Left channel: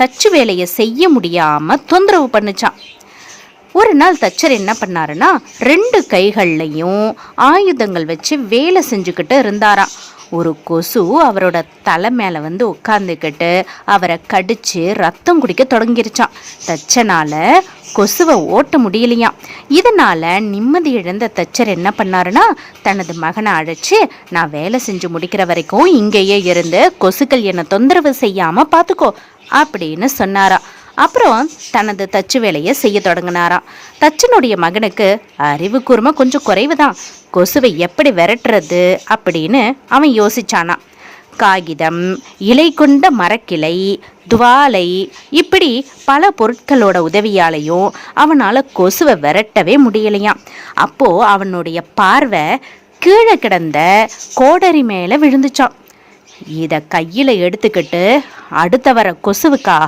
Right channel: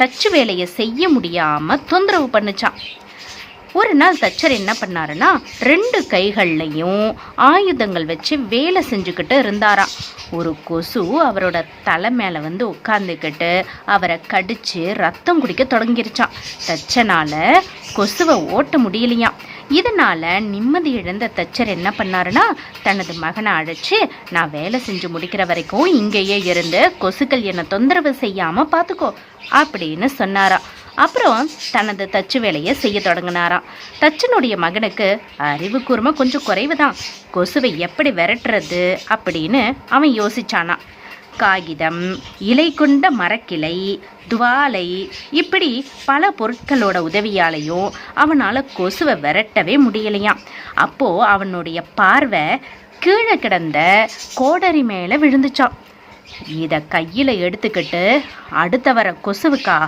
தச்சு வேலையை செய்ய முடியாமல் தொந்தரவு பண்ணுச்சான். ஒரு நாள் தச்சர் என்ன பண்ணாருன்னா 2 கைகள்லையும் ஆயுதங்கள் வச்சு வேலை செஞ்சுக்கிட்டு இருந்தாராம். ஒரு கொசு அவரோட தலை மேலே வந்து உட்காந்துக்கிட்டு அவரை கடித்து ரத்தம் குடிக்க தொடங்கிருச்சான். தச்சனால கொசுவை ஓட்ட முடியலையாம். இதனால் நிம்மதி இழந்த தச்சர் என்ன பண்ணாருன்னா தனது மகனை அழைச்சி, நான் வேலை செஞ்சு முடிக்கிற வரைக்கும் இங்கேயே இருந்து கொசுக்கள் என்னை தொந்தரவு செய்யாமல் பார்த்துக்கோ அப்படின்னு சொன்னாரா. அப்புறம் தனது தச்சு வேலையை செய்ய தொடங்கினாராம். தச்சனுடைய மகனுக்கு அறிவு கூர்மை கொஞ்சம் குறைவு தான். கொசுவை எப்படி விரட்டுறது அப்படின்னு அவன் யோசிச்சானா. காகிதம், இலை கொண்ட மரக்கிளை, துவாலை, இப்படி பல பொருட்களோட உதவியாலையும் அவனால் கொசுவை விரட்டவே முடியலையாம். அப்போது அவனுடைய பார்வை கீழே கிடந்த கோடரி மேலே விழுந்துச்சான். இதை கையில் எடுத்துக்கிட்டு அடுத்த வர கொசுவுக்கா